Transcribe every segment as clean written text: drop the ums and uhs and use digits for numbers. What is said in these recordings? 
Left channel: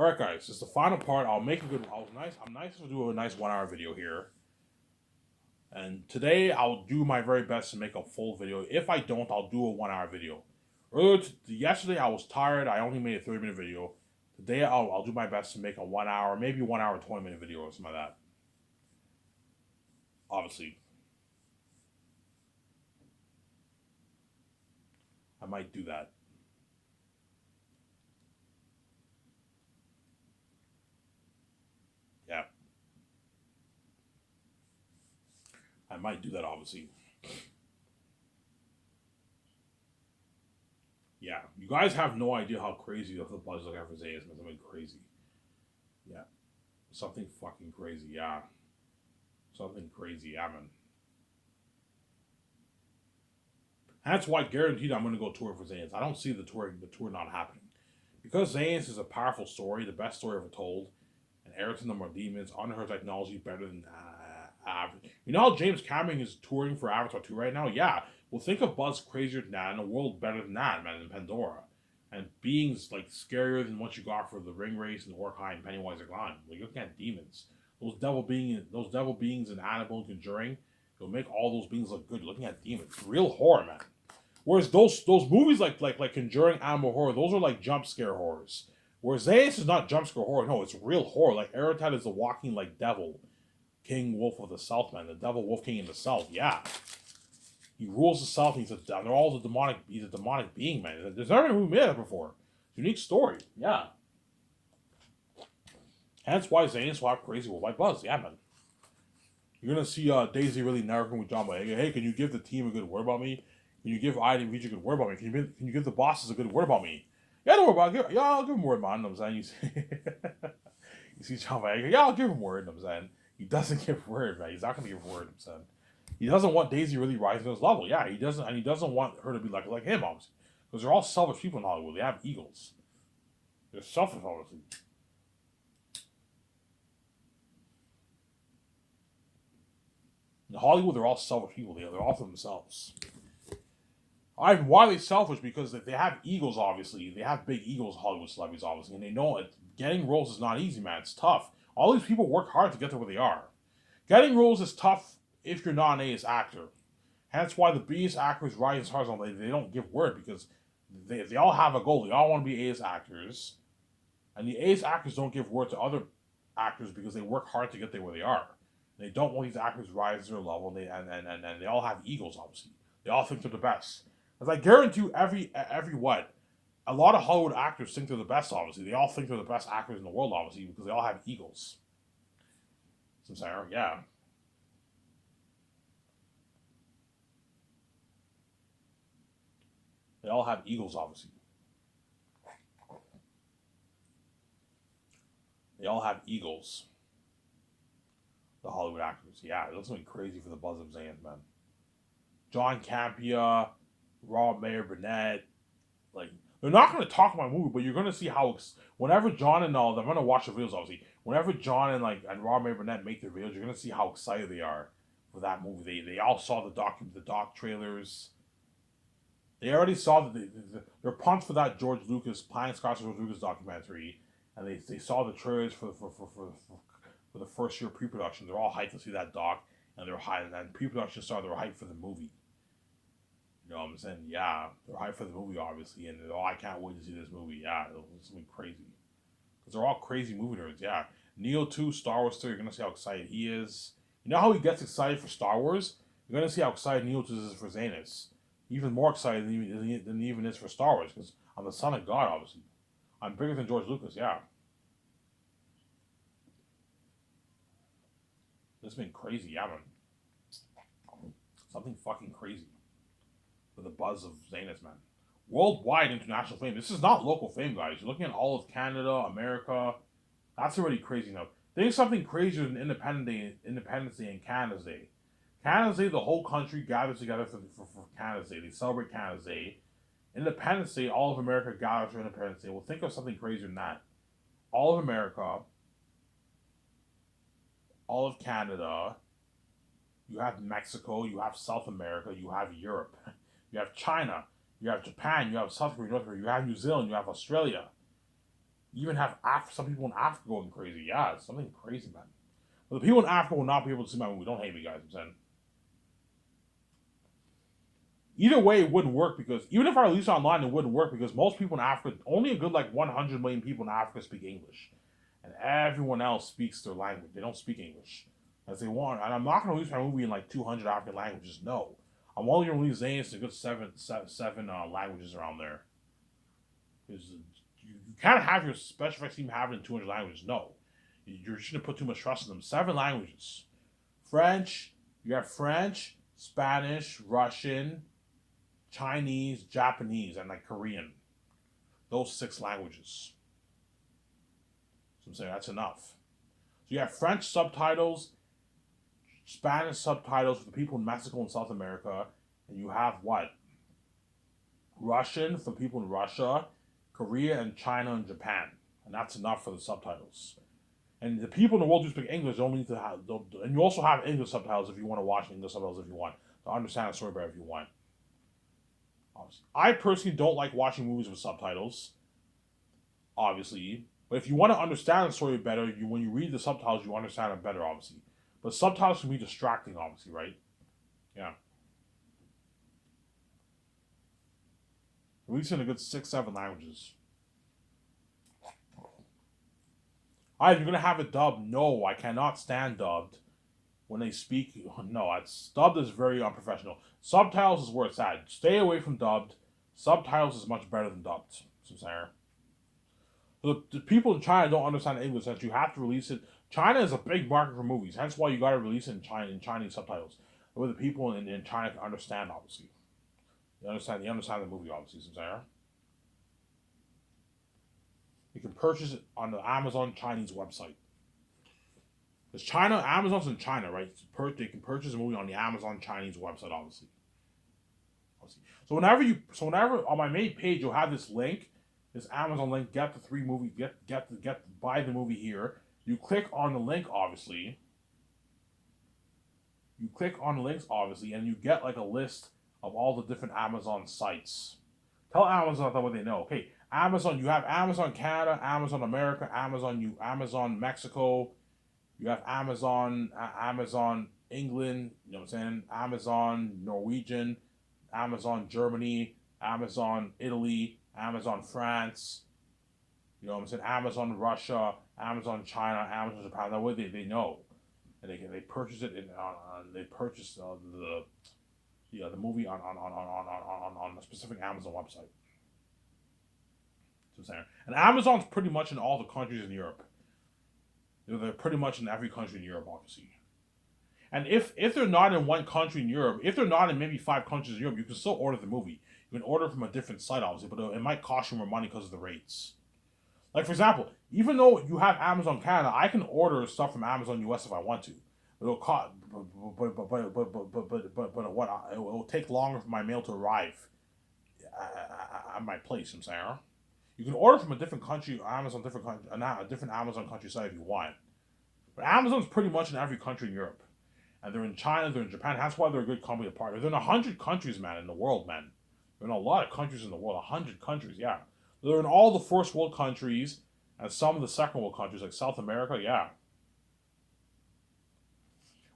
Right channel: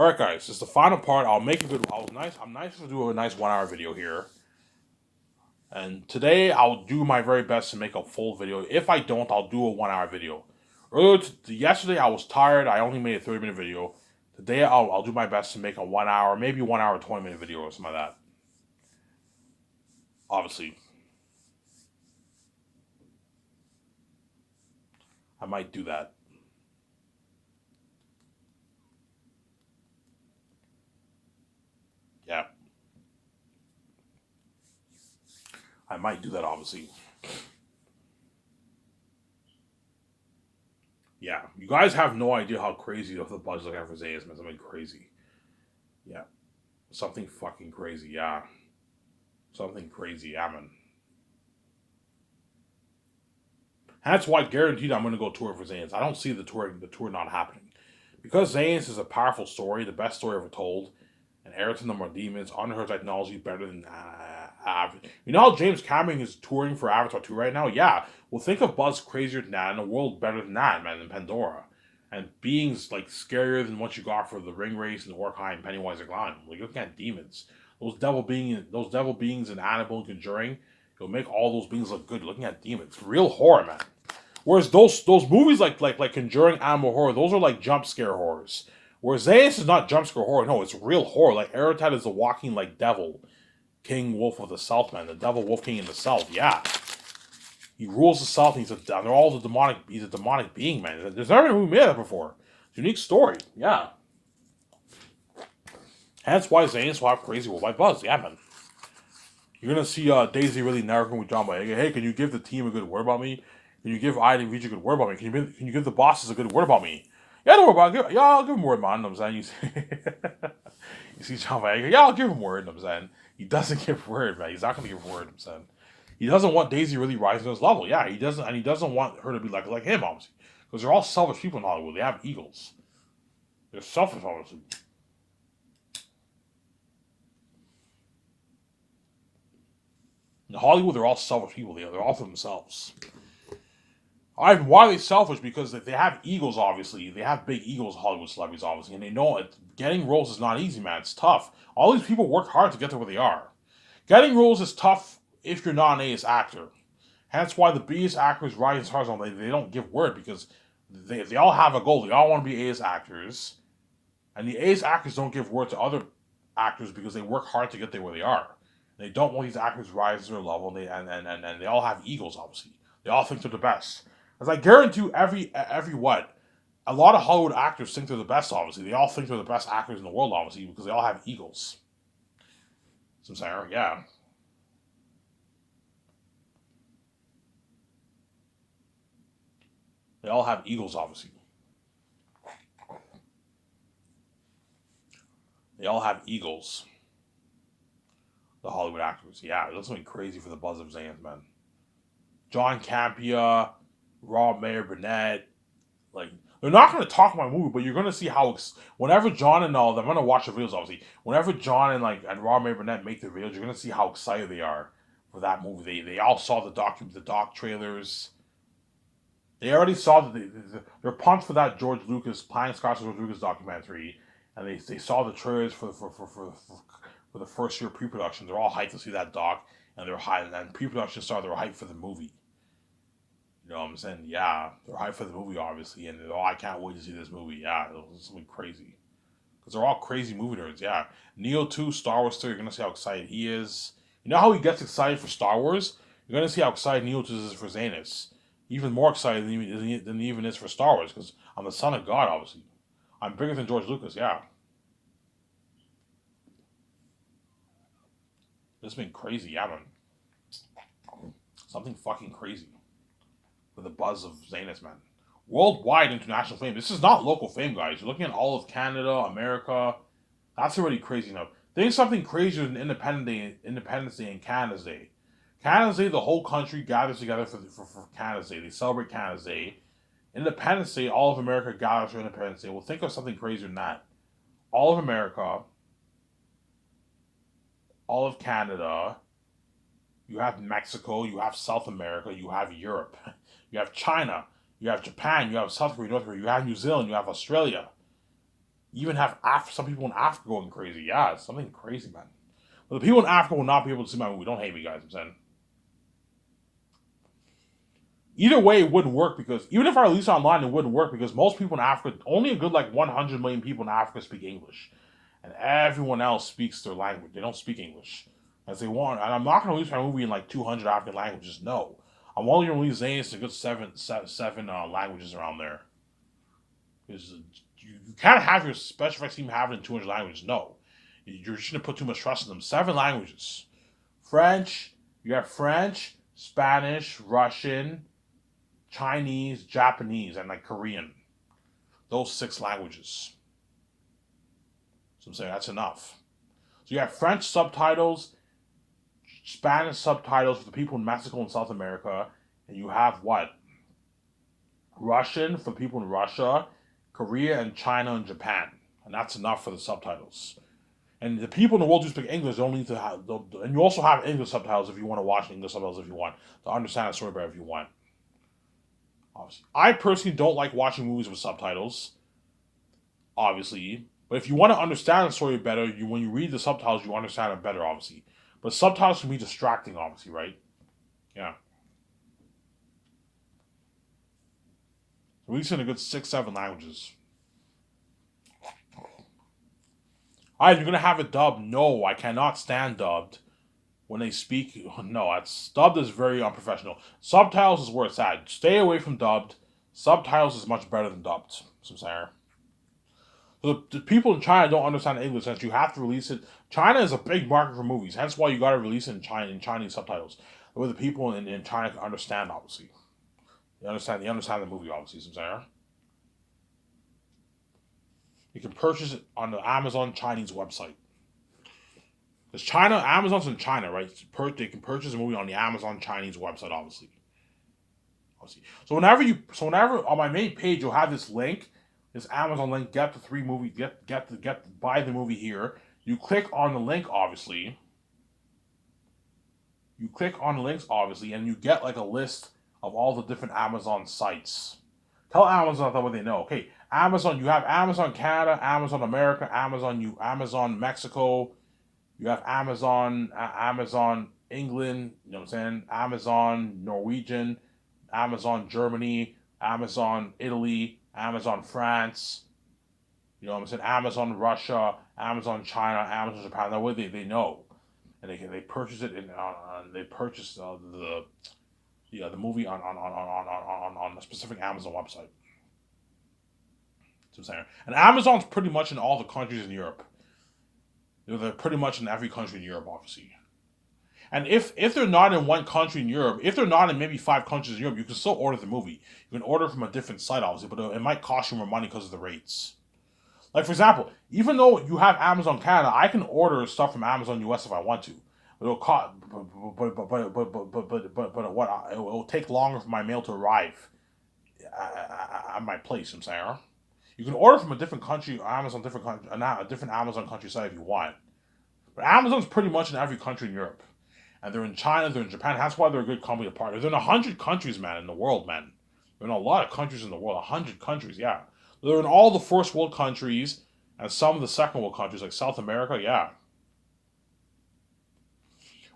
All right, guys, this is the final part. I'll make a good. I'm nice to do a nice 1 hour video here. And today I'll do my very best to make a full video. If I don't, I'll do a 1 hour video. Yesterday I was tired. I only made a 30-minute video. Today I'll do my best to make a 1 hour, maybe 1 hour 20-minute video or something like that. Obviously, I might do that. Yeah, I might do that. Obviously, yeah. You guys have no idea how crazy the buzz like for Zay is, man. Something crazy. Yeah, something fucking crazy. Yeah, something crazy. Yeah, man. And that's why guaranteed I'm going to go tour for Zayn's. I don't see the tour not happening. Because Zayn's is a powerful story, the best story ever told, and Ayrton No More Demons, under her technology better than you know how James Cameron is touring for Avatar 2 right now? Yeah. Well, think of Buzz crazier than that and a world better than that, man, than Pandora. And beings like scarier than what you got for the Ring Race and Orkai and Pennywise and Clown. Like, you're looking at demons. Those devil beings in Annabelle and Conjuring, you'll make all those beings look good looking at demons. Real horror, man. Whereas those movies like Conjuring, Animal Horror, those are like jump scare horrors. Whereas Zayas is not jump scare horror. No, it's real horror. Like Erotat is a walking like devil, King Wolf of the South, man. The devil Wolf King in the South. Yeah, he rules the South. And they're all the demonic. He's a demonic being, man. There's never been a movie made that before. Unique story. Yeah. Hence why Zayn's will have Crazy Wolf by Buzz. Yeah, man. You're gonna see Daisy really narrowing with John Boyega. Hey, can you give the team a good word about me? Can you give Ida and Reach a good word about me? Can you give the bosses a good word about me? Yeah, don't worry about it. Yeah, I'll give him a word, man. I'm saying you see John Boyega. Yeah, I'll give him a word. I'm saying he doesn't give word, man. He's not gonna give word. I'm saying he doesn't want Daisy really rising to his level. Yeah, he doesn't, and he doesn't want her to be like him, obviously, because they're all selfish people in Hollywood. They have egos. They're selfish, obviously. In Hollywood, they're all selfish people. They're all for themselves. Why are they selfish? Because they have egos, obviously. They have big egos, Hollywood celebrities, obviously, and they know it. Getting roles is not easy, man. It's tough. All these people work hard to get to where they are. Getting roles is tough if you're not an A-list actor. Hence why the B-list actors rise as hard as they don't give word because they all have a goal. They all want to be A-list actors. And the A-list actors don't give word to other actors because they work hard to get there where they are. They don't want these actors rise to their level, and they all have egos, obviously. They all think they're the best. As I guarantee you, every what a lot of Hollywood actors think they're the best. Obviously, they all think they're the best actors in the world. Obviously, because they all have egos. So I'm saying, yeah, they all have egos. Obviously, they all have egos. The Hollywood actors, yeah, that's something crazy for the buzz of Zans, man. John Campia, Rob Mayer Burnett, like they're not going to talk about my movie, but you're going to see how whenever John and all, I'm going to watch the videos obviously. Whenever John and Rob Mayer Burnett make the videos, you're going to see how excited they are for that movie. They all saw the doc trailers. They already saw that they're pumped for that George Lucas Pine Scotch George Lucas documentary, and they saw the trailers for the first year pre-production. They're all hyped to see that doc, and they're hyped. And then pre-production started. They're hyped for the movie. You know what I'm saying? Yeah, they're hyped for the movie, obviously, and oh, I can't wait to see this movie. Yeah, it's something crazy because they're all crazy movie nerds. Yeah, Neo 2, Star Wars 2. You're gonna see how excited he is. You know how he gets excited for Star Wars? You're gonna see how excited Neo 2 is for Zanus. Even more excited than he even is for Star Wars because I'm the son of God, obviously. I'm bigger than George Lucas. Yeah, this has been crazy. Yeah, man, something fucking crazy for the buzz of Zanus, man. Worldwide international fame. This is not local fame, guys. You're looking at all of Canada, America. That's already crazy enough. There's something crazier than Independence Day and Canada's Day. Canada's Day, the whole country gathers together for Canada's Day. They celebrate Canada's Day. Independence Day, all of America gathers for Independence Day. Well, think of something crazier than that. All of America, all of Canada, you have Mexico, you have South America, you have Europe, you have China, you have Japan, you have South Korea, North Korea, you have New Zealand, you have Australia. even have some people in Africa going crazy. Yeah, it's something crazy, man. But the people in Africa will not be able to see my movie. Don't hate me, guys. I'm saying. Either way, it wouldn't work because even if I release it online, it wouldn't work because most people in Africa, only a good like 100 million people in Africa speak English, and everyone else speaks their language. They don't speak English as they want. And I'm not going to release my movie in like 200 African languages. No, I'm only going to release Zanes in a good seven languages around there. Because you can't have your special effects team have it in 200 languages. No, you're just going to put too much trust in them. 7 languages, French. You have French, Spanish, Russian, Chinese, Japanese, and like Korean. Those 6 languages. So I'm saying that's enough. So you have French subtitles, Spanish subtitles for the people in Mexico and South America, and you have what? Russian for people in Russia, Korea, and China and Japan. And that's enough for the subtitles. And the people in the world who speak English don't need to have, and you also have English subtitles if you want to watch English subtitles if you want, to understand the story better if you want. Obviously. I personally don't like watching movies with subtitles, obviously. But if you want to understand the story better, when you read the subtitles, you understand it better, obviously. But subtitles can be distracting, obviously, right? Yeah. At least in a good 6, 7 languages. Alright, you're gonna have it dubbed. No, I cannot stand dubbed. When they speak, no, it's dubbed is very unprofessional. Subtitles is where it's at. Stay away from dubbed. Subtitles is much better than dubbed. So I'm saying. The people in China don't understand English, since you have to release it. China is a big market for movies, hence why you got to release it in Chinese subtitles, where the people in China can understand. Obviously, they understand the movie. Obviously, so I'm saying. You can purchase it on the Amazon Chinese website. Because Amazon's in China, right? They can purchase a movie on the Amazon Chinese website, obviously. So whenever on my main page you'll have this link, this Amazon link, get the 3 movie, buy the movie here. You click on the link, obviously. You click on the links, obviously, and you get like a list of all the different Amazon sites. Tell Amazon what they know. Okay, Amazon, you have Amazon Canada, Amazon America, Amazon Mexico. You have Amazon England, you know what I'm saying? Amazon Norwegian, Amazon Germany, Amazon Italy, Amazon France, you know what I'm saying? Amazon Russia, Amazon China, Amazon Japan. That way they know, and they purchase it they purchase the movie on a specific Amazon website. That's what I'm saying. And Amazon's pretty much in all the countries in Europe. They're pretty much in every country in Europe, obviously. And if they're not in one country in Europe, if they're not in maybe 5 countries in Europe, you can still order the movie. You can order from a different site, obviously, but it might cost you more money because of the rates. Like, for example, even though you have Amazon Canada, I can order stuff from Amazon US if I want to. But it'll cost, but what? It will take longer for my mail to arrive at my place. I'm saying, you can order from a different country, a different Amazon country site if you want. But Amazon's pretty much in every country in Europe. And they're in China, they're in Japan. That's why they're a good company to partner. They're in 100 countries, man, in the world, man. They're in a lot of countries in the world. 100 countries, yeah. They're in all the first world countries and some of the second world countries, like South America, yeah.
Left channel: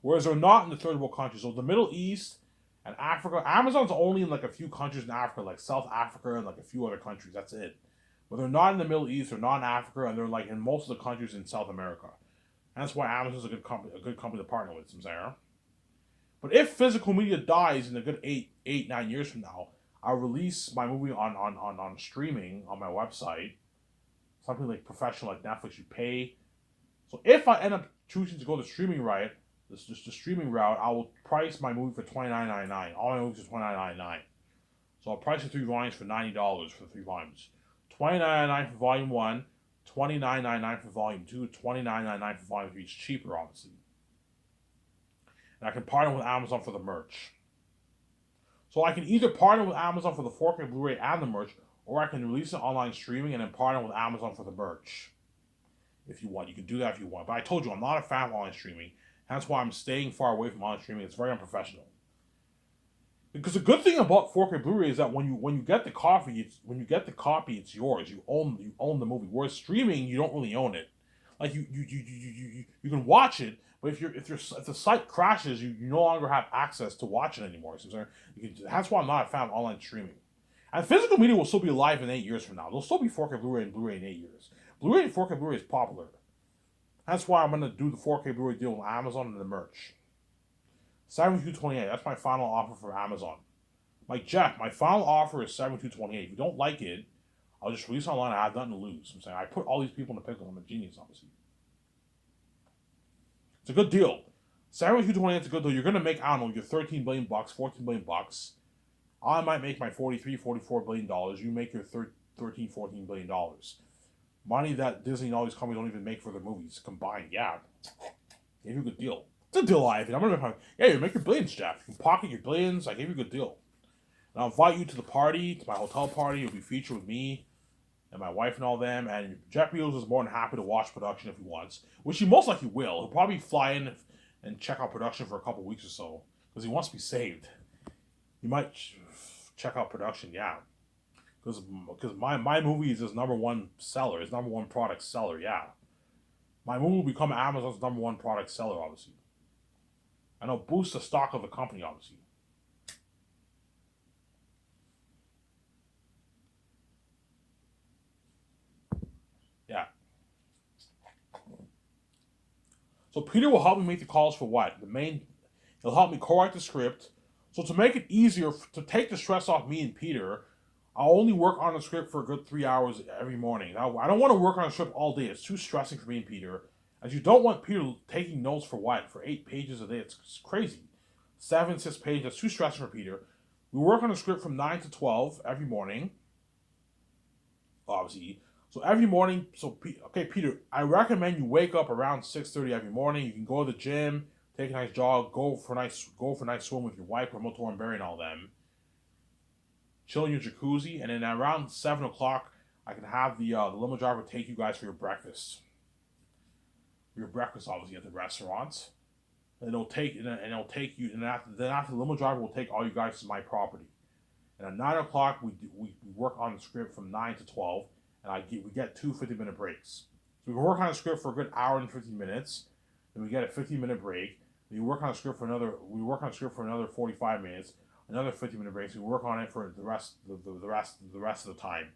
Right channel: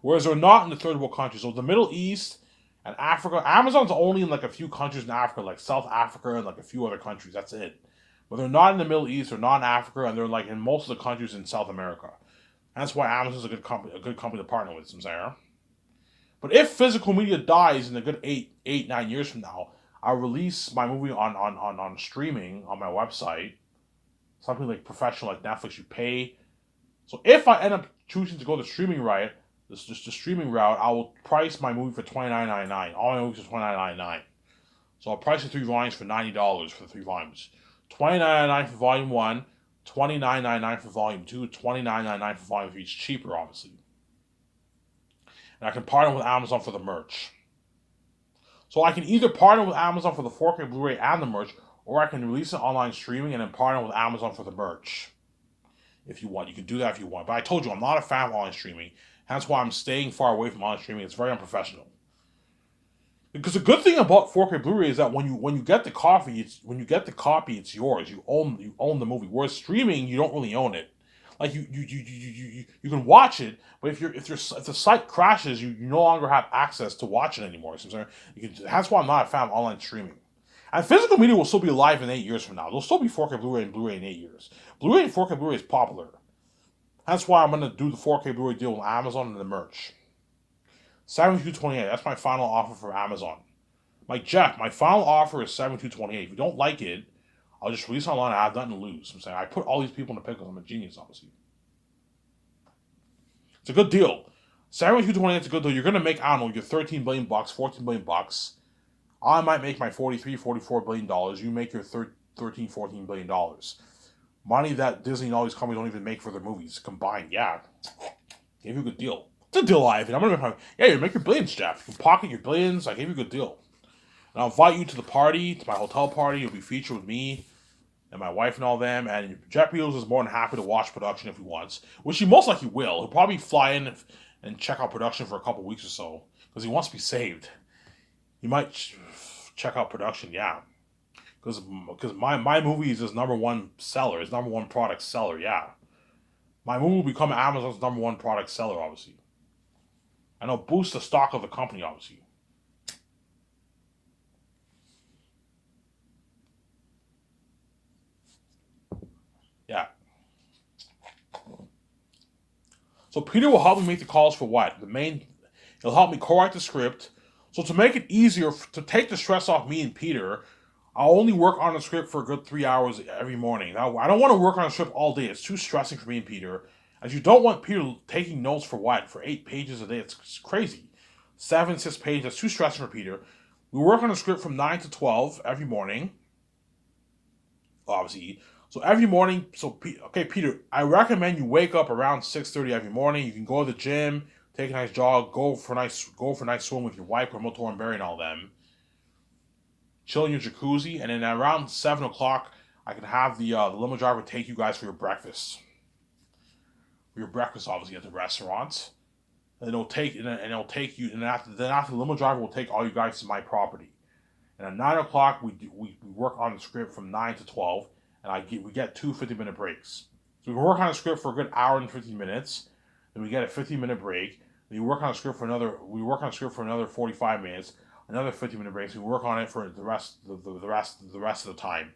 Whereas they're not in the third world countries. So the Middle East and Africa, Amazon's only in like a few countries in Africa, like South Africa and like a few other countries. That's it. But they're not in the Middle East, they're not in Africa, and they're like in most of the countries in South America. That's why Amazon's a good company to partner with, Sarah. But if physical media dies in a good 9 years from now, I'll release my movie on streaming on my website. Something like professional, like Netflix, you pay. So if I end up choosing to go the streaming route, the streaming route, I will price my movie for $29.99. All my movies are $29.99. So I'll price the 3 volumes for $90 for the 3 volumes. $29.99 for volume 1, $29.99 for volume 2, $29.99 for volume 3. It's cheaper, obviously. And I can partner with Amazon for the merch. So I can either partner with Amazon for the 4K Blu-ray and the merch, or I can release it online streaming and then partner with Amazon for the merch. If you want, you can do that if you want. But I told you, I'm not a fan of online streaming. That's why I'm staying far away from online streaming. It's very unprofessional. Because the good thing about 4K Blu-ray is that when you get the copy, it's yours. You own the movie. Whereas streaming, you don't really own it. Like you can watch it, but if the site crashes, you no longer have access to watch it anymore. So that's why I'm not a fan of online streaming. And physical media will still be alive in 8 years from now. There'll still be 4K Blu-ray and Blu-ray in 8 years. Blu-ray and 4K Blu-ray is popular. That's why I'm gonna do the 4K Blu-ray deal with Amazon and the merch. 7228. That's my final offer for Amazon. Like Jeff, my final offer is 7228. If you don't like it, I'll just release it online. I have nothing to lose. I'm saying I put all these people in the pickle. I'm a genius, obviously. It's a good deal. 7228 is a good deal. You're gonna make, I don't know, your 13 billion bucks, 14 billion bucks. I might make my 43, 44 billion dollars. You make your 13, 14 billion dollars. Money that Disney and all these companies don't even make for their movies combined. Yeah, gave you a good deal. It's a deal, Ivan. I'm gonna make you make your billions, Jeff. You can pocket your billions. I gave you a good deal. And I'll invite you to the party, to my hotel party. You'll be featured with me and my wife and all them. And Jeff Bezos is more than happy to watch production if he wants, which he most likely will. He'll probably fly in and check out production for a couple weeks or so because he wants to be saved. He might check out production, yeah. Because my movie is his number one seller, his number one product seller, yeah. My movie will become Amazon's number one product seller, obviously. And it'll boost the stock of the company, obviously. Yeah. So Peter will help me make the calls for what? He'll help me co-write the script. So to make it easier, to take the stress off me and Peter, I'll only work on the script for a good 3 hours every morning. Now, I don't want to work on a script all day. It's too stressing for me and Peter. As you don't want Peter taking notes for what? For 8 pages a day. It's crazy. 7, 6 pages. That's too stressing for Peter. We work on the script from 9 to 12 every morning. Obviously. So every morning, okay, Peter, I recommend you wake up around 6:30 every morning. You can go to the gym, take a nice jog, go for a nice swim with your wife, Motor and Barry and all them. Chill in your jacuzzi, and then around 7 o'clock, I can have the limo driver take you guys for your breakfast. For your breakfast, obviously, at the restaurant. And it'll take you, and then after the limo driver will take all you guys to my property. And at 9 o'clock, we work on the script from 9 to 12, and we get two 50-minute breaks. So we can work on a script for a good hour and 15 minutes. Then we get a 15-minute break. Then we work on a script for another 45 minutes. Another 50-minute break. So we work on it for the rest of the time.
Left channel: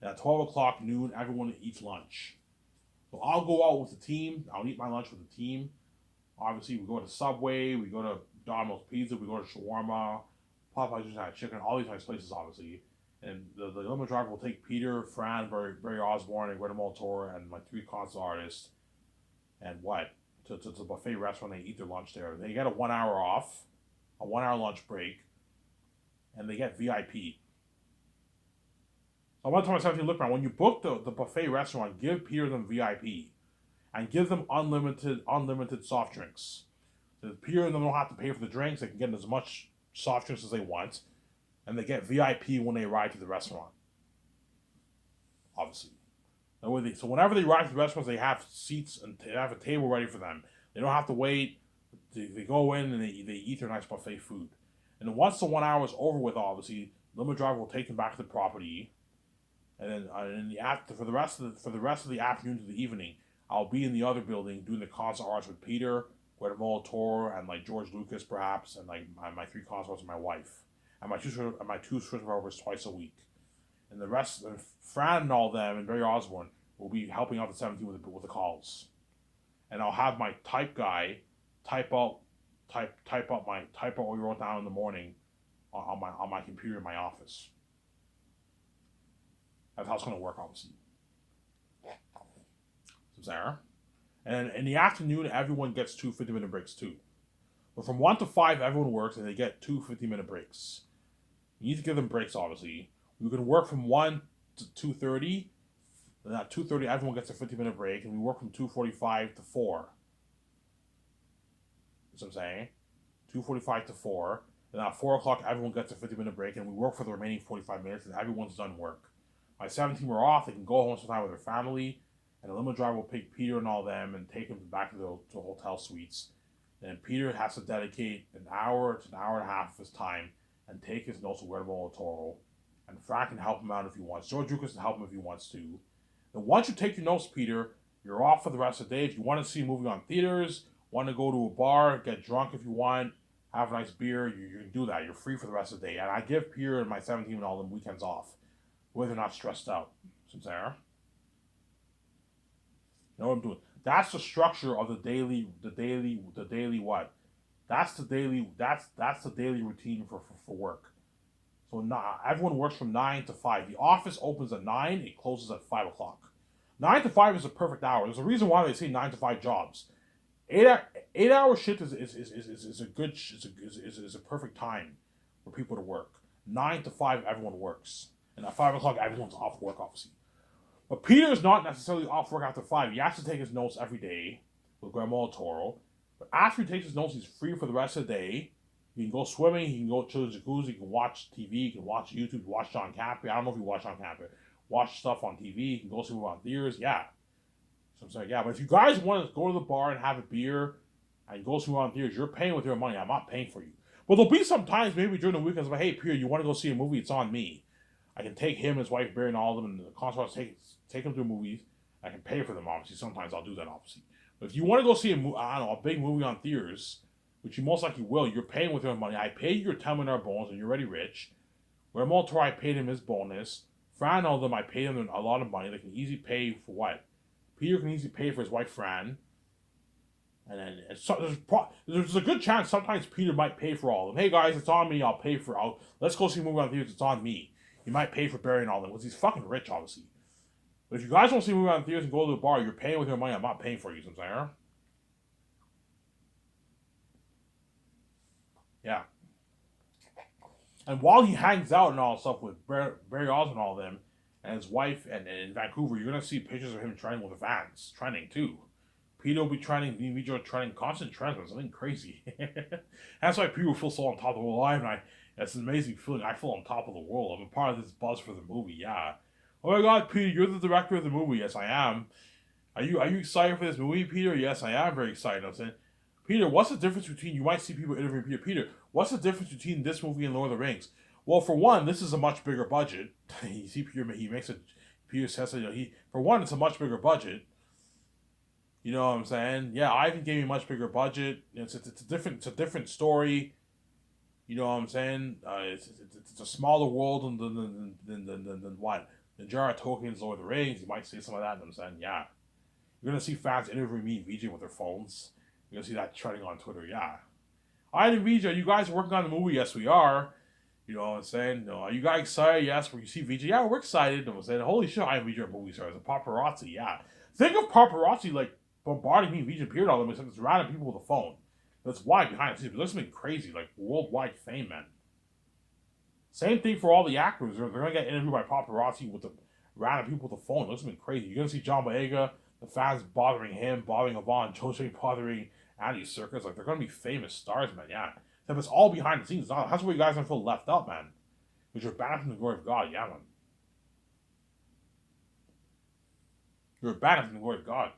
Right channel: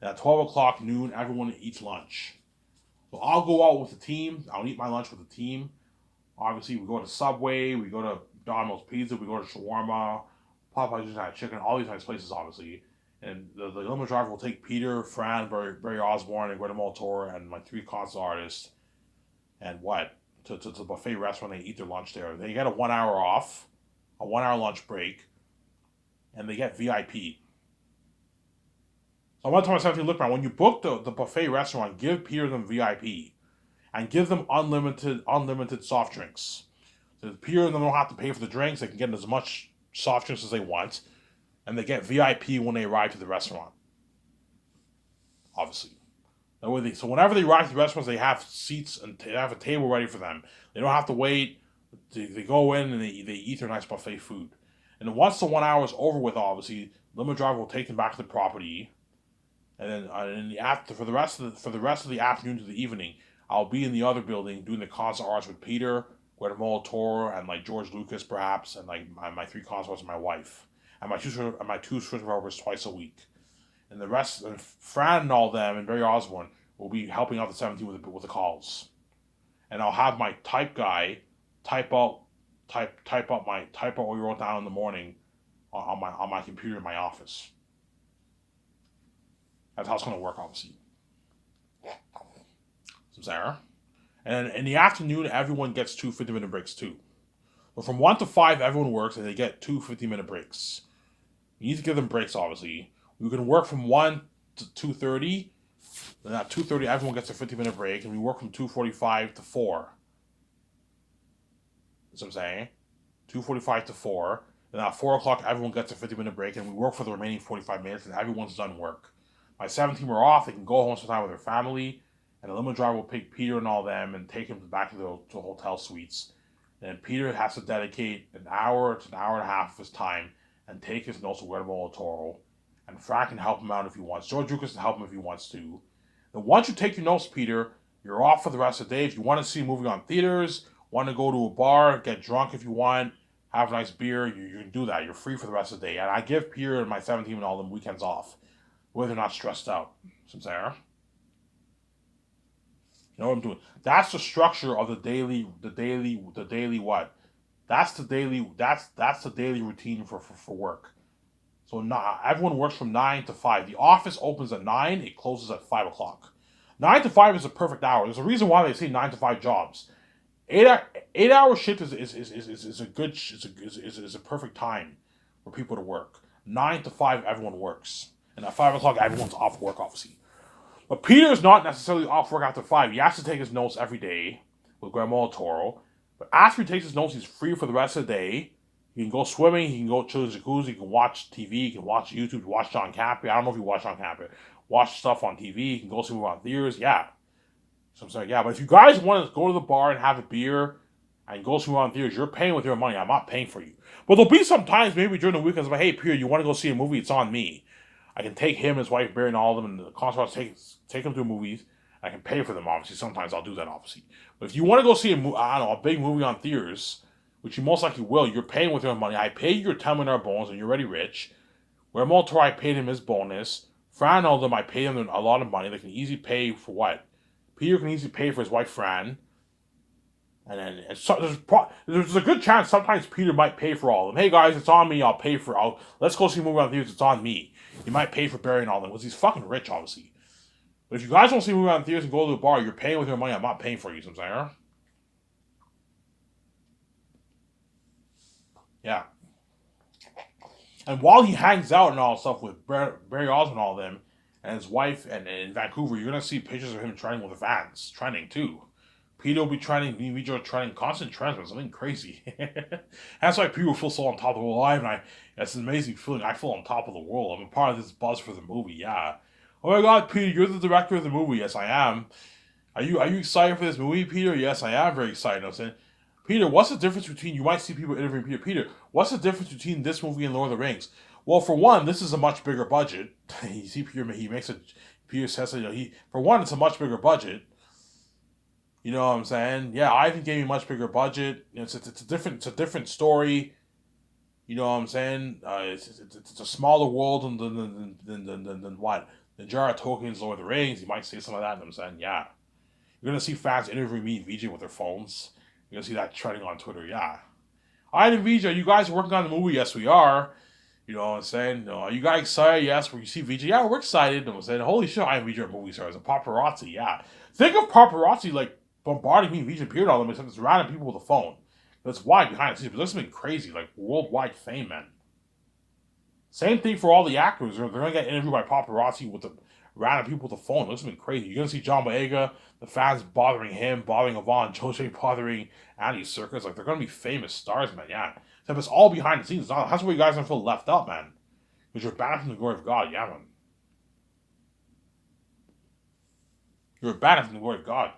And at 12 o'clock noon, everyone eats lunch. So I'll go out with the team. I'll eat my lunch with the team. Obviously, we go to Subway. We go to Domino's Pizza. We go to Shawarma. Popeye's Italian Chicken. All these nice places, obviously. And the limo driver will take Peter, Fran, Barry Osborne, and Guillermo Toro, and my 3 concert artists, and what? To the buffet restaurant. They eat their lunch there. They get a 1 hour off, a 1 hour lunch break, and they get VIP. So I want to tell myself, look, man, when you book the buffet restaurant, give Peter them VIP, and give them unlimited soft drinks. So Peter and them don't have to pay for the drinks. They can get as much soft drinks as they want, and they get VIP when they arrive to the restaurant. Obviously, so whenever they arrive to the restaurants, they have seats and they have a table ready for them. They don't have to wait. They go in and they eat their nice buffet food. And then once the 1 hour is over with, obviously, limo driver will take them back to the property. And then for the rest of the afternoon to the evening, I'll be in the other building doing the concert arts with Peter, Guillermo Toro, and like George Lucas perhaps, and like my 3 concert arts and my wife, and my two photographers twice a week. And the rest, and Fran and all them, and Barry Osborne will be helping out the 17 with the calls. And I'll have my type guy type out what we wrote down in the morning on my computer in my office. That's how it's going to work, obviously. So Sarah. And in the afternoon, everyone gets 2 50-minute breaks too. But from 1 to 5, everyone works, and they get 2 50-minute breaks. You need to give them breaks, obviously. We can work from 1 to 2:30. Then at 2:30, everyone gets a 50-minute break, and we work from 2:45 to 4. That's what I'm saying. 2:45 to 4. Then at 4 o'clock, everyone gets a 50-minute break, and we work for the remaining 45 minutes, and everyone's done work. My 17 are off. They can go home sometime with their family, and the limo driver will pick Peter and all them and take him back to the hotel suites. And Peter has to dedicate an hour to an hour and a half of his time, and take his notes with Guillermo del Toro, and Frank can help him out if he wants. George Lucas can help him if he wants to. Then once you take your notes, Peter, you're off for the rest of the day. If you want to see a movie on theaters, want to go to a bar, get drunk if you want, have a nice beer, you can do that. You're free for the rest of the day. And I give Peter and my 17 and all them weekends off, where they're not stressed out. You know what I'm doing? That's the structure of the daily what? That's the daily routine for work. So not, everyone works from 9 to 5. The office opens at 9, it closes at 5 o'clock. 9 to 5 is a perfect hour. There's a reason why they say 9 to 5 jobs. 8 hour shift is a perfect time for people to work. 9 to 5, everyone works. And at 5 o'clock, everyone's off work, obviously. But Peter is not necessarily off work after 5. He has to take his notes every day with Guillermo del Toro. But after he takes his notes, he's free for the rest of the day. He can go swimming, he can go chill in the jacuzzi, he can watch TV, he can watch YouTube, watch John Campea. I don't know if you watch John Campea. Watch stuff on TV, he can go see movies on theaters, yeah. So I'm saying, yeah, but if you guys want to go to the bar and have a beer and go see movies on theaters, you're paying with your money. I'm not paying for you. But there'll be some times, maybe during the weekends, like, hey, Peter, you want to go see a movie? It's on me. I can take him, his wife, Barry, and all of them, and the concert, take them to movies. I can pay for them, obviously. Sometimes I'll do that, obviously. But if you want to go see a big movie on theaters, which you most likely will, you're paying with your money. I paid your $10 million bonus, and you're already rich. Where Moltor, I paid him his bonus. Fran, all of them, I paid him a lot of money. They can easily pay for what? Peter can easily pay for his wife, Fran. And then there's a good chance sometimes Peter might pay for all of them. Hey guys, it's on me. I'll pay for. Let's go see a movie on theaters. It's on me. He might pay for Barry and all them because he's fucking rich, obviously. But if you guys want to see a movie on theaters and go to the bar, you're paying with your money. I'm not paying for you. So I'm saying, yeah. And while he hangs out and all stuff with Barry Osmond and all them, and his wife, and in Vancouver, you're gonna see pictures of him training with the fans, training too. Peter will be training, me and Vijay are training, constant trends, something crazy. That's why people feel so on top of the world. It's an amazing feeling. I feel on top of the world. I'm a part of this buzz for the movie. Yeah. Oh my God, Peter, you're the director of the movie. Yes, I am. Are you excited for this movie, Peter? Yes, I am very excited. I'm saying, Peter, what's the difference between, you might see people interviewing Peter. Peter, what's the difference between this movie and Lord of the Rings? Well, for one, this is a much bigger budget. You see, Peter says, for one, it's a much bigger budget. You know what I'm saying? Yeah, Ivan gave me a much bigger budget. It's a different story. You know what I'm saying? It's a smaller world than what? The Jar of Tolkien's Lord of the Rings. You might say some of that. And I'm saying, yeah. You're gonna see fans interviewing me and VJ with their phones. You're gonna see that trending on Twitter. Yeah. Ivan and VJ, are you guys working on the movie? Yes, we are. You know what I'm saying? Are you guys excited? Yes. When you see VJ, yeah, we're excited. I'm saying, holy shit, Ivan and VJ are movie stars. A paparazzi, yeah. Think of paparazzi like bombarding me, VJ appeared all of them, except it's random people with a phone. That's why behind the scenes. But this has been crazy, like worldwide fame, man. Same thing for all the actors. They're going to get interviewed by paparazzi with the random people with the phone. This has been crazy. You're going to see John Boyega, the fans bothering him, bothering Yvonne, Jose bothering Andy Serkis. Like, they're going to be famous stars, man, yeah. Except it's all behind the scenes. That's where you guys are going to feel left out, man. Because you're banned from the glory of God, yeah, man. You're banned from the glory of God.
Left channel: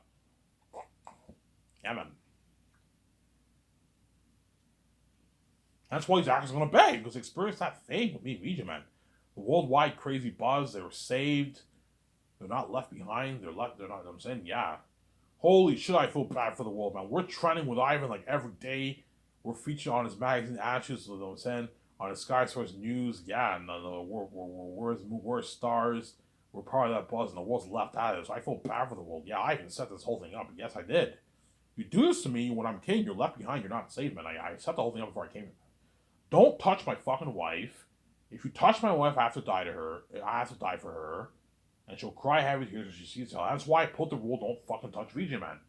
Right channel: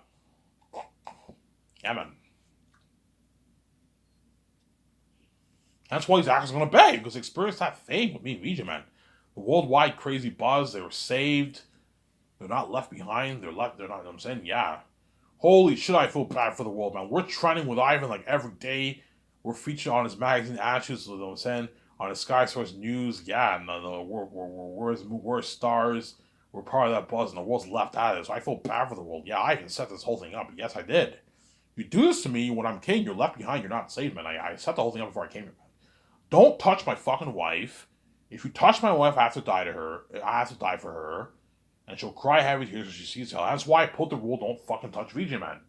Yeah, man. That's why these actors are going to beg, because they experienced that fame with me and VJ, man. The worldwide crazy buzz, they were saved. They're not left behind. They're not, you know what I'm saying? Yeah. Holy shit, I feel bad for the world, man. We're trending with Ivan like every day. We're featured on his magazine Ashes, you know what I'm saying? On his Sky Source News. Yeah, we're stars. We're part of that buzz, and the world's left out of it. So I feel bad for the world. Yeah, I can set this whole thing up. Yes, I did. You do this to me when I'm king, you're left behind, you're not saved, man. I set the whole thing up before I came here, man. Don't touch my fucking wife. If you touch my wife, I have to die to her. I have to die for her. And she'll cry heavy tears when she sees hell. That's why I put the rule, don't fucking touch VJ, man.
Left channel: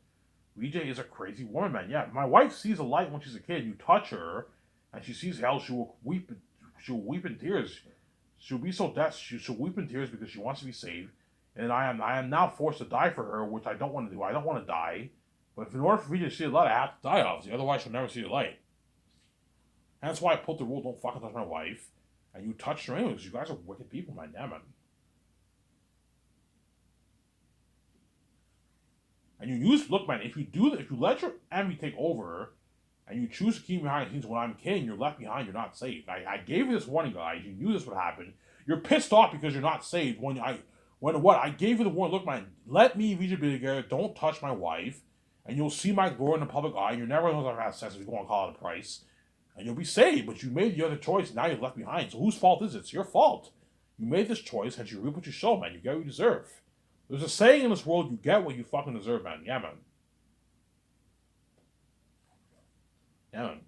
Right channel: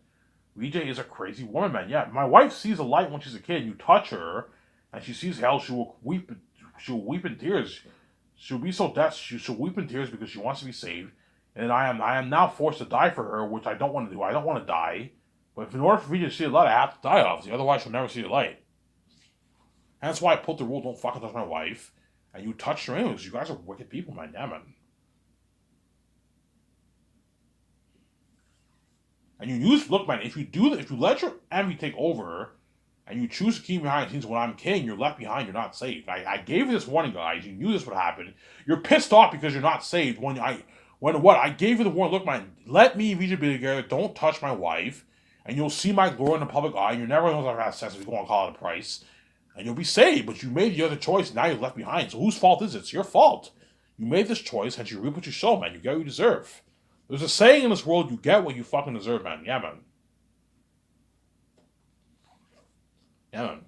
VJ is a crazy woman, man. Yeah, my wife sees a light when she's a kid. You touch her, and she sees hell, she will weep in tears. She'll be so dead, she'll weep in tears because she wants to be saved. And I am now forced to die for her, which I don't want to do. I don't want to die. But in order for me to see the light, I have to die, obviously. Otherwise, she'll never see the light. And that's why I put the rule, don't fucking touch my wife. And you touched her anyways. You guys are wicked people, man. Damn it. And look, man, if you let your envy take over, and you choose to keep me behind the scenes when I'm king, you're left behind, you're not saved. I gave you this warning, guys. You knew this would happen. You're pissed off because you're not saved I gave you the warning, look, man, let me VJ be together, don't touch my wife, and you'll see my glory in the public eye, and you're never going to have sex if you go on Call It a Price, and you'll be saved, but you made the other choice, and now you're left behind. So whose fault is it? It's your fault. You made this choice, and you reap what you sow, man. You get what you deserve. There's a saying in this world, you get what you fucking deserve, man. Yeah, man. Yeah, man.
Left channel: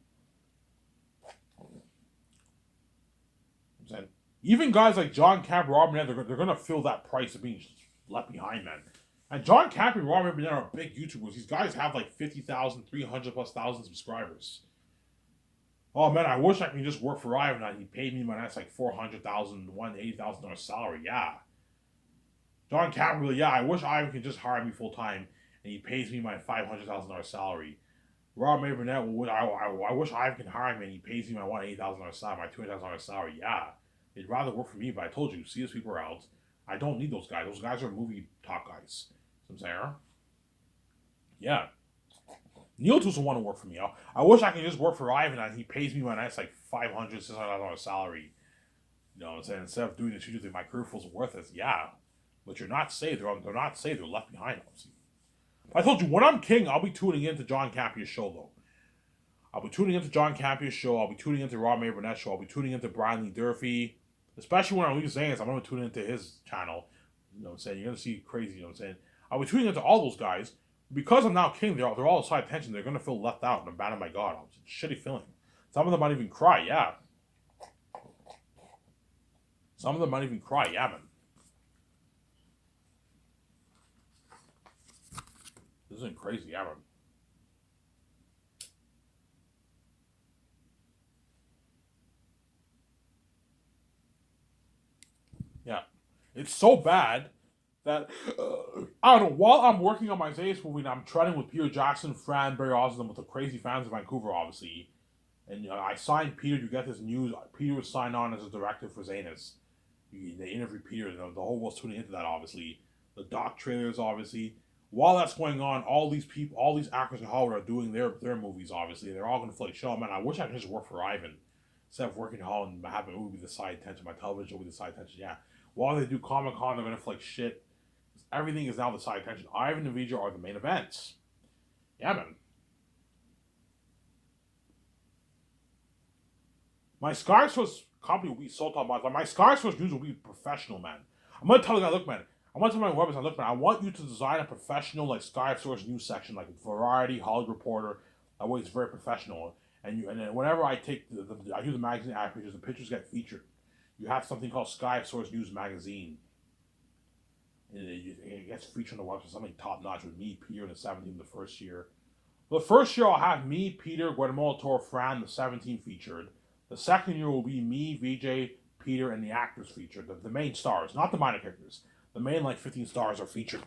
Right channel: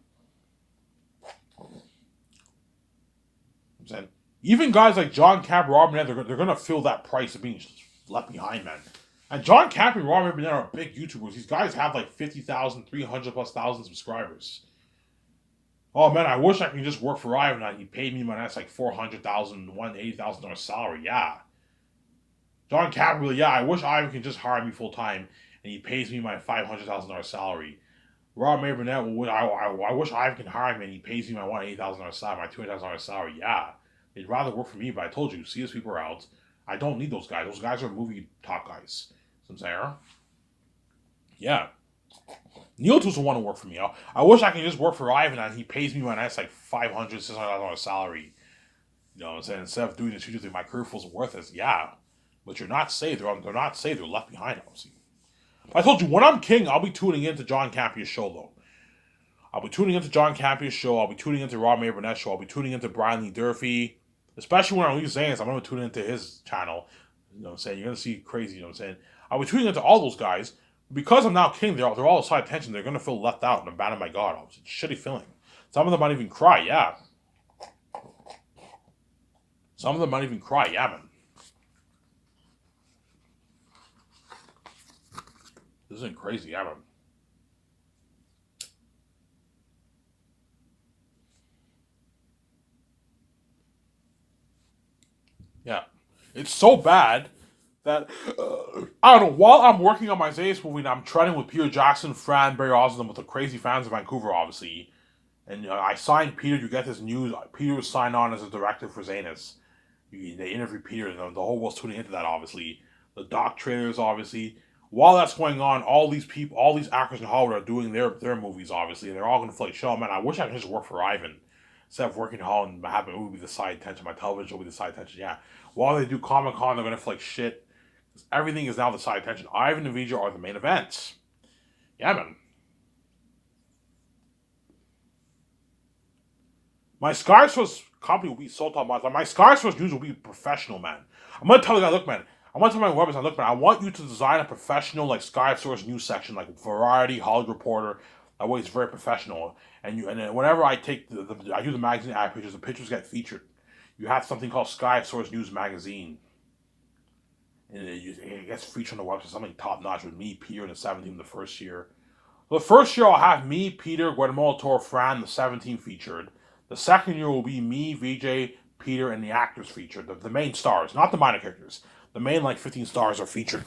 I'm saying, even guys like John Cap, Rob Burnett, they're gonna feel that price of being left behind, man. And John Cap and Rob Burnett are big YouTubers. These guys have like 50,000, 300,000+ subscribers. Oh man, I wish I could just work for Ivan and he paid me my next like $400,000, $180,000 salary. Yeah. John Cap really, yeah, I wish Ivan could just hire me full time and he pays me my $500,000 salary. Rob Burnett, I wish Ivan can hire me and he pays me my $180,000 salary, my $200,000 salary. Yeah. They'd rather work for me, but I told you, see these people are out. I don't need those guys. Those guys are movie top guys. You know what I'm saying? Yeah. Neil doesn't want to work for me. I wish I could just work for Ivan and he pays me my nice like $500,000, $600,000 salary. You know what I'm saying? Instead of doing this, you think my career feels worth it. Yeah. But you're not saved. They're not saved. They're left behind, obviously. But I told you, when I'm king, I'll be tuning into John Campia's show, though. I'll be tuning into John Campia's show. I'll be tuning into Rob Burnett's show. I'll be tuning into Brian Lee Durfee. Especially when I release Zans, I'm going to tune into his channel. You know what I'm saying? You're going to see crazy, you know what I'm saying? I'll be tuning into all those guys. Because I'm now king, they're all side attention. They're going to feel left out and abandoned by God. It's a shitty feeling. Some of them might even cry, yeah. Some of them might even cry, yeah, man. This isn't crazy, yeah, man. Yeah. It's so bad that, I don't know, while I'm working on my Zayas movie and I'm treading with Peter Jackson, Fran, Barry Osmond, with the crazy fans of Vancouver, obviously, and I signed Peter, you get this news, Peter was signed on as a director for Zanus. They interviewed Peter, and the whole world's tuning into that, obviously. The doc trailers, obviously. While that's going on, all these actors in Hollywood are doing their movies, obviously, and they're all going to feel like, "Shit, man, I wish I could just work for Ivan. Instead of working in Hollywood and having it would be the side attention, my television will be the side attention, yeah." While they do Comic-Con, they're going to feel like shit. Everything is now the side attention. Ivan and Vijay are the main events. Yeah, man. My Skysource company will be so top notch. My Skysource news will be professional, man. I'm gonna tell the guy, look, man. I'm gonna tell my website, look, man. I want you to design a professional like Skysource news section, like Variety, Hollywood Reporter. That way, it's very professional. And then whenever I take I do the magazine ad pictures, the pictures get featured. You have something called Skysource News Magazine. And it gets featured on the website, something top notch with me, Peter, in the 17th, the first year. The first year I'll have me, Peter, Guatemala Toro, Fran, the 17th featured. The second year will be me, VJ, Peter, and the actors featured. The main stars, not the minor characters. The main, like, 15 stars are featured.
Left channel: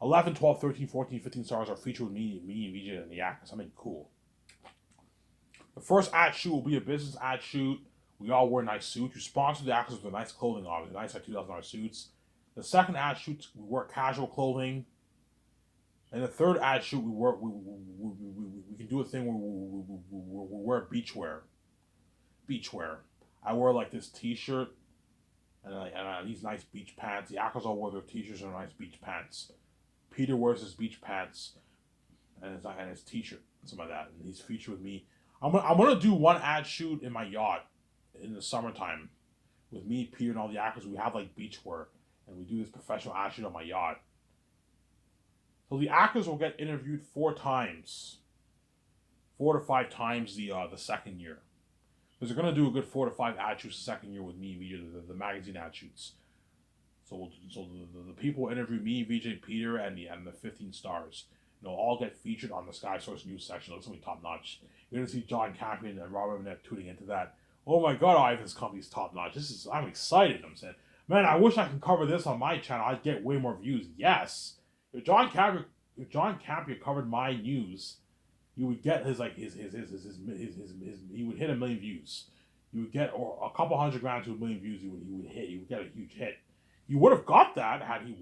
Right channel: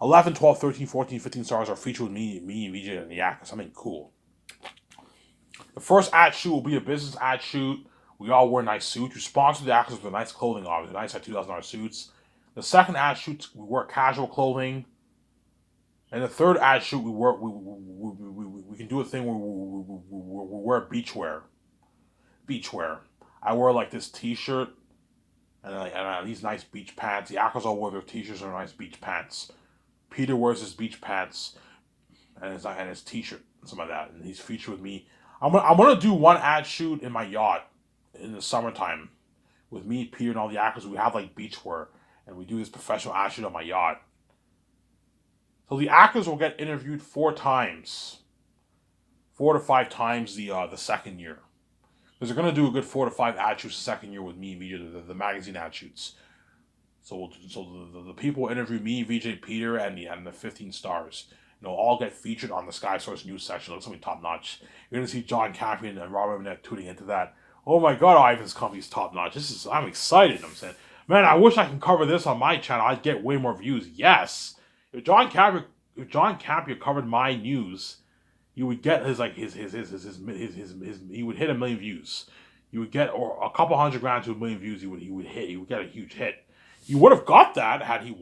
11, 12, 13, 14, 15 stars are featured with me, VJ, and the actors. Something cool. The first ad shoot will be a business ad shoot. We all wear nice suits. You sponsor the actors with nice clothing, obviously. Nice, like, $2,000 suits. The second ad shoot, we wear casual clothing. And the third ad shoot, we can do a thing where we wear beachwear. I wear like this T-shirt and these nice beach pants. The actors all wear their T-shirts and nice beach pants. Peter wears his beach pants and his T-shirt and something like that. And he's featured with me. I'm gonna do one ad shoot in my yacht in the summertime with me, Peter, and all the actors. We have like beachwear and we do this professional ad shoot on my yacht. So the actors will get interviewed 4 times, 4 to 5 times the second year. Because they're going to do a good 4 to 5 ad shoots the second year with me and VJ, the magazine ad shoots. So the people interview me, VJ, Peter, and the 15 stars. They'll all get featured on the Skysource news section. It's going to be top notch. You're going to see John Campion and Robert Burnett tuning into that. Oh my God, Ivan's company's top notch. I'm excited. I'm saying, man, I wish I could cover this on my channel. I'd get way more views. Yes, if John Campion covered my news, you would get he would hit 1 million views. You would get, or a couple hundred grand to 1 million views. He would get a huge hit. You would have got that had he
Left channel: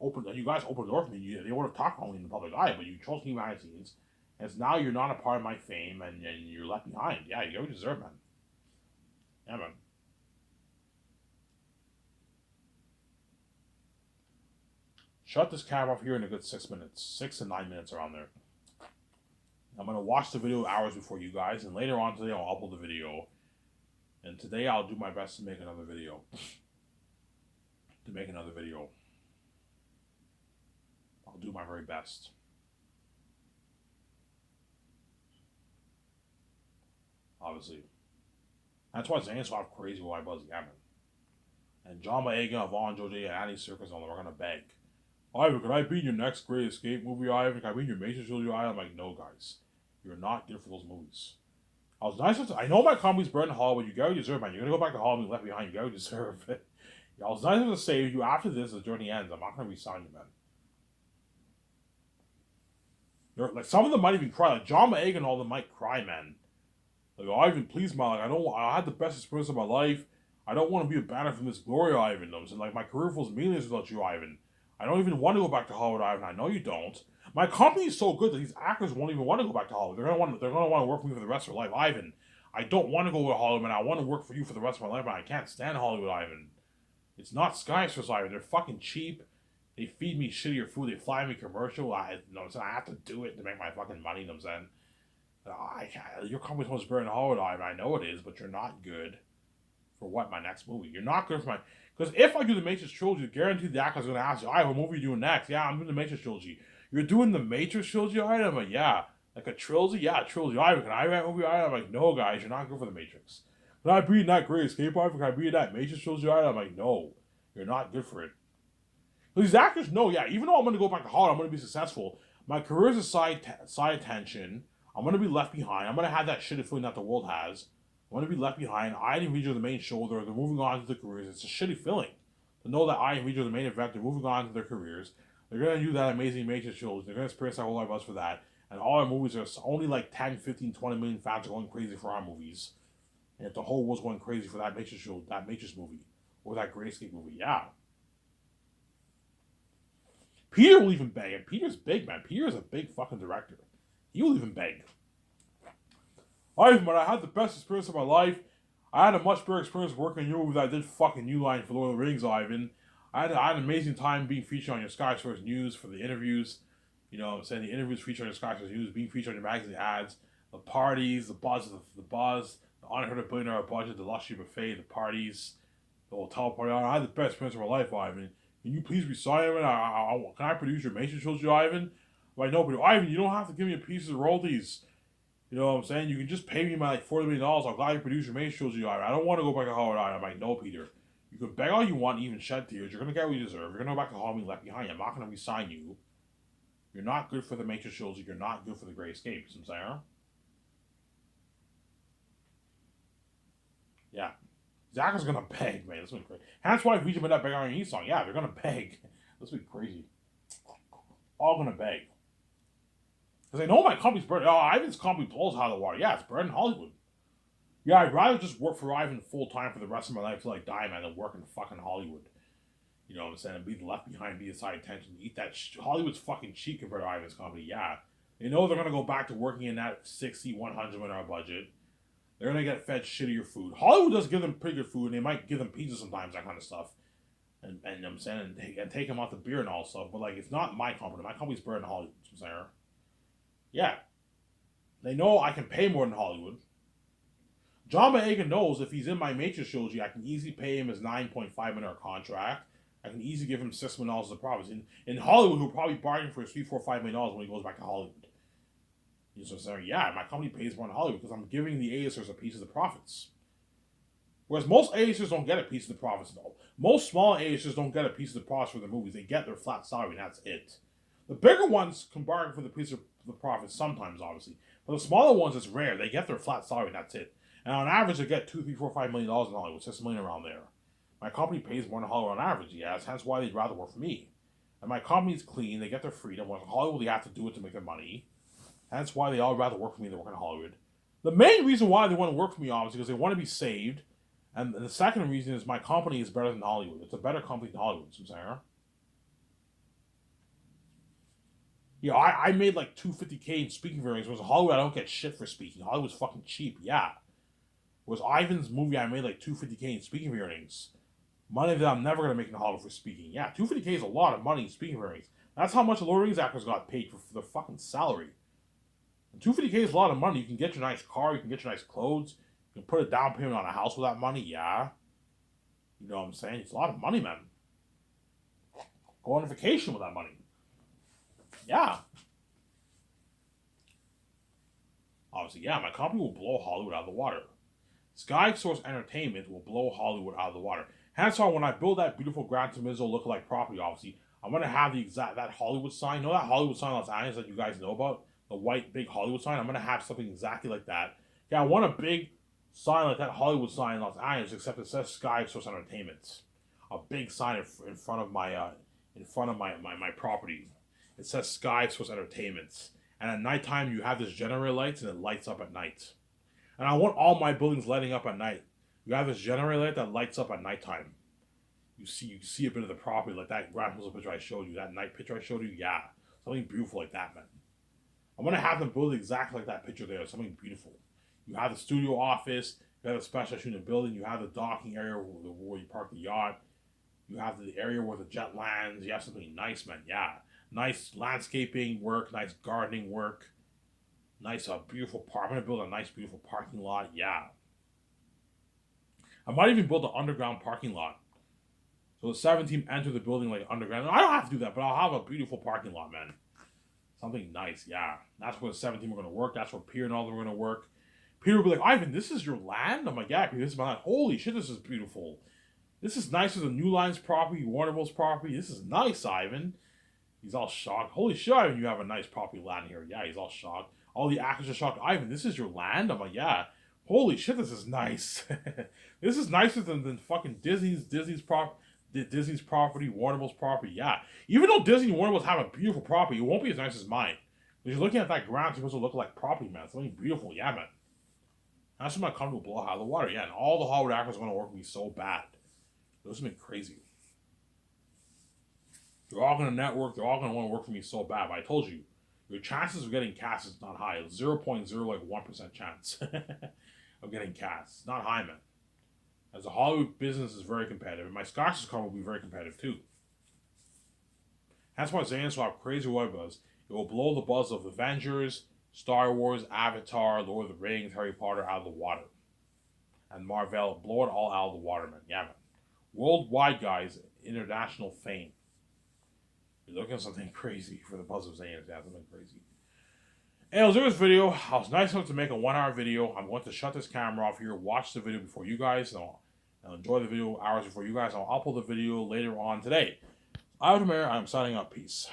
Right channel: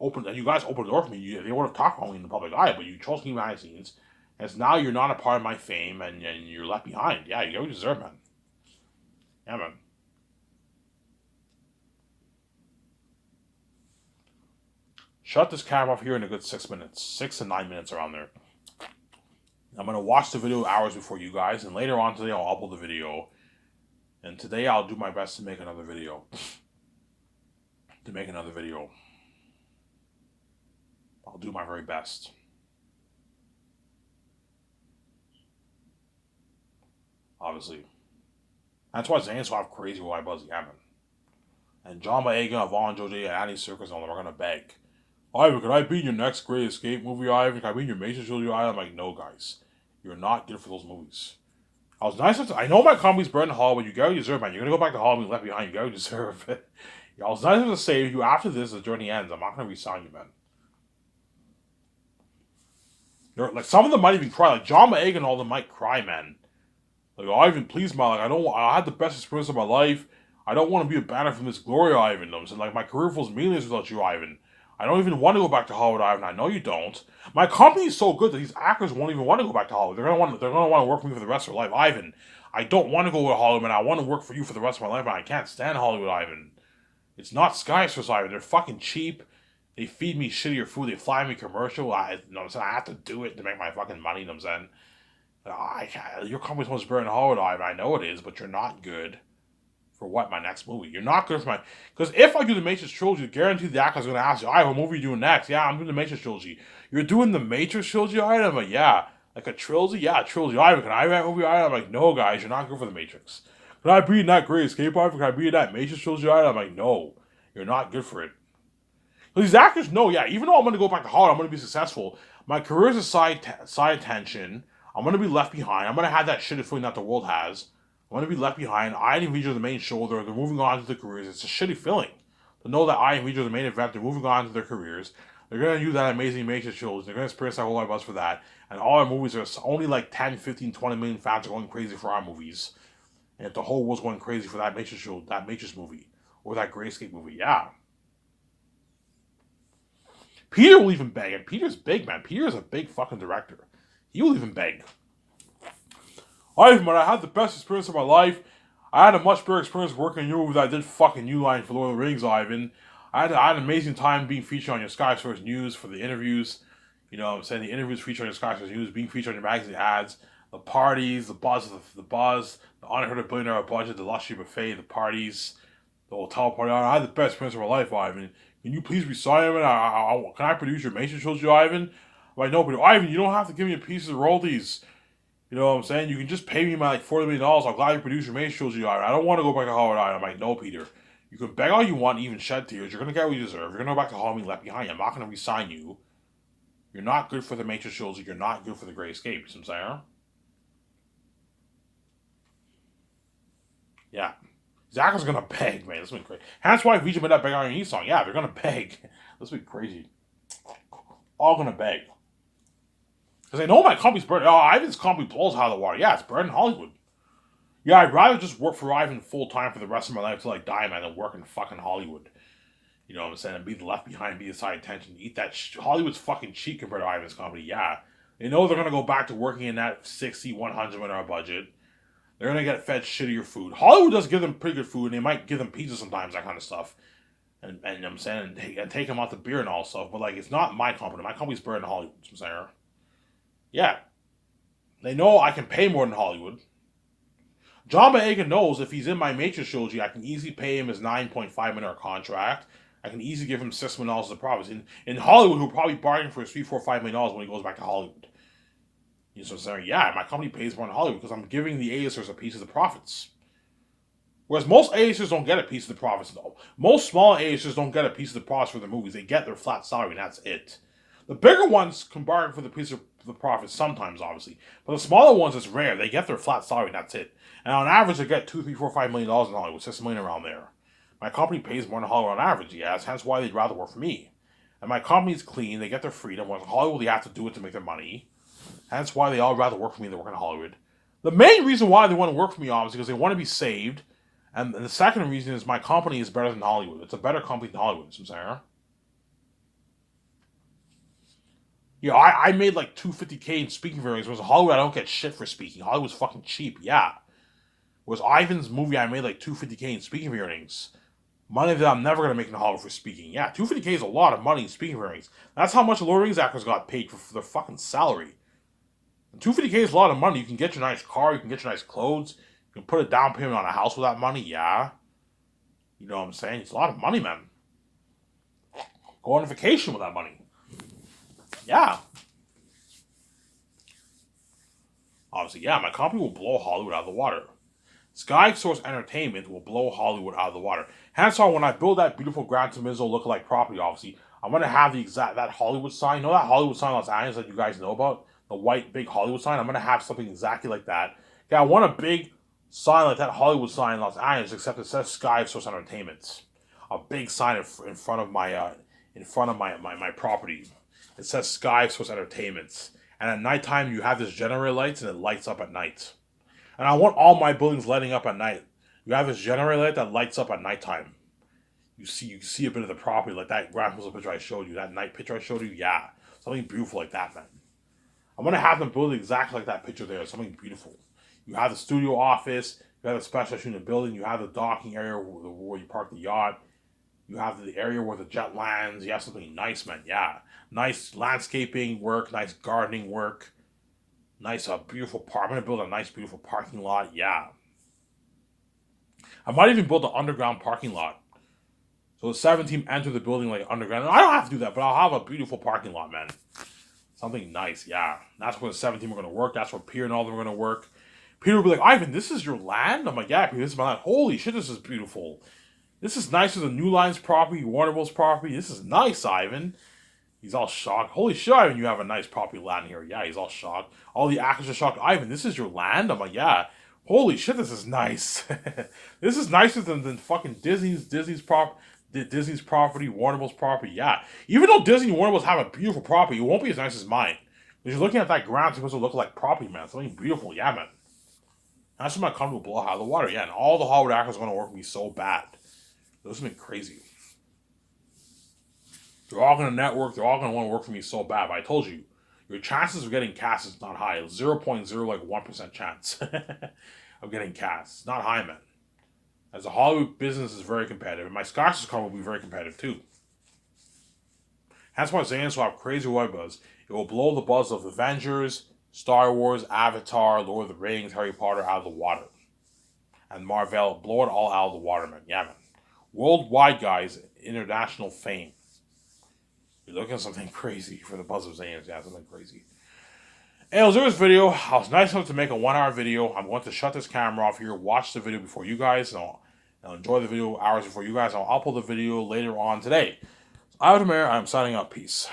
opened, and you guys opened the door for me. They would have talked about me in the public eye, but you chose to keep behind the scenes. As now you're not a part of my fame and you're left behind. Yeah, you get what you deserve, man. Yeah, man. Shut this camera off here in a good 6 minutes. 6 to 9 minutes around there. I'm going to watch the video hours before you guys, and later on today I'll upload the video. And today I'll do my best to make another video. I'll do my very best. Obviously. That's why Zane's so crazy with White Buzzy Hammond. And John Boyega, Vaughn Jose, and Andy Serkis and all them are going to beg. Ivan, can I be in your next Great Escape movie, Ivan? Can I be in your Mason Trilogy, Ivan? I'm like, no, guys. You're not good for those movies. I was nice. I know my company's burned in Hollywood. You gotta deserve, man. You're gonna go back to Hollywood left behind. You gotta deserve it. I was nice to say you after this, the journey ends. I'm not gonna resign you, man. Like some of them might even cry. Like John Boyega and all them might cry, man. Like Ivan, please, man. Like I had the best experience of my life. I don't want to be abandoned from this glory, Ivan. I'm saying, like my career feels meaningless without you, Ivan. I don't even want to go back to Hollywood, Ivan. I know you don't. My company is so good that these actors won't even want to go back to Hollywood. They're gonna want to work for me for the rest of their life, Ivan. I don't want to go to Hollywood, and I want to work for you for the rest of my life, and I can't stand Hollywood, Ivan. It's not Skyscraper, Ivan. They're fucking cheap. They feed me shittier food. They fly me commercial. I have to do it to make my fucking money. You know what I'm saying? Your company's supposed to burn Hollywood, Ivan. I know it is, but you're not good. For what? My next movie? You're not good for my... Because if I do the Matrix trilogy, guaranteed the actor's going to ask you, what movie are you doing next? Yeah, I'm doing the Matrix trilogy. You're doing the Matrix trilogy, Ivan? I'm like, yeah. Like a trilogy? Yeah, a trilogy. Ivan, can I write a movie, Ivan? I'm like, no, guys, you're not good for the Matrix. Can I be in that Great Escape, Ivan? Can I be in that Matrix trilogy, Ivan? I'm like, no. You're not good for it. Because these actors know, yeah, even though I'm going to go back to Hollywood, I'm going to be successful. My career is a side attention. I'm going to be left behind. I'm going to have that shitty feeling that the world has. I'm going to be left behind. I and Vijay are the main shoulder. They're moving on to their careers. It's a shitty feeling to know that I and Vijay are the main event. They're moving on to their careers. They're going to use that amazing Matrix shows. They're going to experience our whole life us for that. And all our movies are only like 10, 15, 20 million fans are going crazy for our movies. And if the whole world's going crazy for that Matrix show, that Matrix movie, or that Great Escape movie, yeah. Peter will even beg. And Peter's big, man. Peter's a big fucking director. He will even beg. Ivan, I had the best experience of my life. I had a much better experience working in your movie than I did fucking New Line for Lord of the Rings, Ivan. I had an amazing time being featured on your Sky Source News for the interviews. You know what I'm saying? The interviews featured on your Sky Source News, being featured on your magazine ads, the parties, the buzz, the unheard of $1 billion budget, the luxury buffet, the parties, the hotel party. I had the best experience of my life, Ivan. Can you please resign, Ivan? Can I produce your Mason trilogy, Ivan? I'm like, no, but Ivan, you don't have to give me a piece of the royalties. You know what I'm saying? You can just pay me my like $40 million. I'm glad you produced your Matrix trilogy. I don't want to go back to Hollywood. I'm like, no, Peter. You can beg all you want, even shed tears. You're going to get what you deserve. You're going to go back to Hollywood left behind. I'm not going to resign you. You're not good for the Matrix trilogy. You're not good for the Great Escape. You know what I'm saying? Yeah. Zach is going to beg, man. This has been crazy. That's why Vijay made that Beg on Your Knees song. Yeah, they're going to beg. This has been crazy. All going to beg. Because I know my company's burning. Oh, Ivan's company blows out of the water. Yeah, it's burning Hollywood. Yeah, I'd rather just work for Ivan full time for the rest of my life till I die, man, than work in fucking Hollywood. You know what I'm saying? And be left behind, be the side attention, eat that. Hollywood's fucking cheap compared to Ivan's company. Yeah, they know they're gonna go back to working in that 60, 100 million budget. They're gonna get fed shittier food. Hollywood does give them pretty good food, and they might give them pizza sometimes, that kind of stuff. And you know what I'm saying, and take them out to beer and all stuff. But like, it's not my company. My company's burning Hollywood. You know what I'm saying? Yeah. They know I can pay more than Hollywood. John Boyega knows if he's in my Matrix trilogy, I can easily pay him his $9.5 million contract. I can easily give him $6 million of profits. In Hollywood, he'll probably bargain for $3, $4, $5 million when he goes back to Hollywood. You know what I'm saying? Yeah, my company pays more in Hollywood because I'm giving the A-listers a piece of the profits. Whereas most A-listers don't get a piece of the profits, though. Most small A-listers don't get a piece of the profits for their movies. They get their flat salary, and that's it. The bigger ones can bargain for the piece of the profits sometimes, obviously. But the smaller ones, it's rare. They get their flat salary, and that's it. And on average, they get $2, $3, $4, $5 million in Hollywood, $6 million around there. My company pays more than Hollywood on average, yes. Hence why they'd rather work for me. And my company's clean. They get their freedom. Whereas Hollywood, they have to do it to make their money. Hence why they all rather work for me than work in Hollywood. The main reason why they want to work for me, obviously, because they want to be saved. And the second reason is my company is better than Hollywood. It's a better company than Hollywood, you know what I'm saying? You know, I made like 250K in speaking earnings. Whereas Hollywood, I don't get shit for speaking. Hollywood's fucking cheap, yeah. Whereas Ivan's movie, I made like 250K in speaking earnings. Money that I'm never gonna make in Hollywood for speaking. Yeah, 250K is a lot of money in speaking earnings. That's how much Lord of the Rings actors got paid for their fucking salary. And 250K is a lot of money. You can get your nice car, you can get your nice clothes, you can put a down payment on a house with that money. Yeah, you know what I'm saying? It's a lot of money, man. Go on vacation with that money. Yeah. Obviously, yeah, my company will blow Hollywood out of the water. Sky Source Entertainment will blow Hollywood out of the water. Hence why when I build that beautiful Gran Turismo lookalike property, obviously, I'm gonna have the exact that Hollywood sign. You know that Hollywood sign in Los Angeles that you guys know about? The white big Hollywood sign? I'm gonna have something exactly like that. Yeah, I want a big sign like that Hollywood sign in Los Angeles, except it says Sky Source Entertainment. A big sign in front of my property. It says Sky Source Entertainment. And at nighttime you have this generator lights and it lights up at night. And I want all my buildings lighting up at night. You have this generator light that lights up at nighttime. You see a bit of the property like that ground picture I showed you, that night picture I showed you. Yeah, something beautiful like that, man. I'm gonna have them build exactly like that picture there. Something beautiful. You have the studio office. You have the special unit building. You have the docking area where you park the yacht. You have the area where the jet lands. You have something nice, man. Yeah, nice landscaping work, nice gardening work. Nice, beautiful park. I'm gonna build a nice, beautiful parking lot. Yeah. I might even build an underground parking lot. So the 7 team enter the building like underground. I don't have to do that, but I'll have a beautiful parking lot, man. Something nice, yeah. That's where the 7 team are gonna work. That's where Peter and all of them are gonna work. Peter will be like, Ivan, this is your land? I'm like, yeah, Peter, this is my land. Holy shit, this is beautiful. This is nicer than New Line's property, Warner Bros. Property. This is nice, Ivan. He's all shocked. Holy shit, Ivan, you have a nice property land here. Yeah, he's all shocked. All the actors are shocked. Ivan, this is your land? I'm like, yeah. Holy shit, this is nice. This is nicer than fucking Disney's property, Warner Bros. Property. Yeah. Even though Disney and Warner Bros. Have a beautiful property, it won't be as nice as mine. Because you're looking at that ground, it's supposed to look like property, man. Something beautiful. Yeah, man. That's when my company will blow out of the water. Yeah, and all the Hollywood actors are going to work with me so bad. This has been crazy. They're all going to network. They're all going to want to work for me so bad. But I told you, your chances of getting cast is not high. 0.01% chance of getting cast. It's not high, man. As a Hollywood business is very competitive. And my Scottish car will be very competitive too. That's why Xanax will have crazy web buzz. It will blow the buzz of Avengers, Star Wars, Avatar, Lord of the Rings, Harry Potter out of the water. And Marvel, blow it all out of the water, man. Yeah, man. Worldwide, guys, international fame. You're looking at something crazy for the buzz of Xanax. Yeah, something crazy. Anyways, there was video. I was nice enough to make a 1-hour video. I'm going to shut this camera off here, watch the video before you guys, and I'll enjoy the video hours before you guys. I'll upload the video later on today. So, I'm signing up. Peace.